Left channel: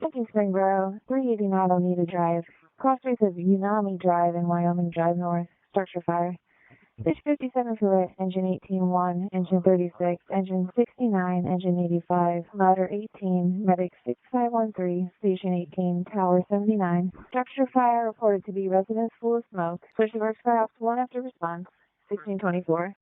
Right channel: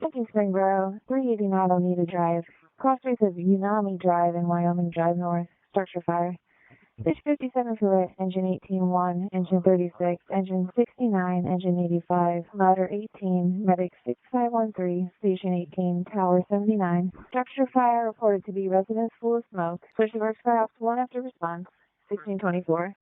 Sinking Springboro, 389 Oneida Drive. Crossbase of Unami Drive and Wyoming Drive North. Structure fire. Fish 57 for lit, engine 18-1, engine 36, engine 69, engine 85, ladder 18, medic 6513, station 18, tower 79. Structure fire reported to be residence full of smoke. Switch to Berks Ladder 1 after response, 1624.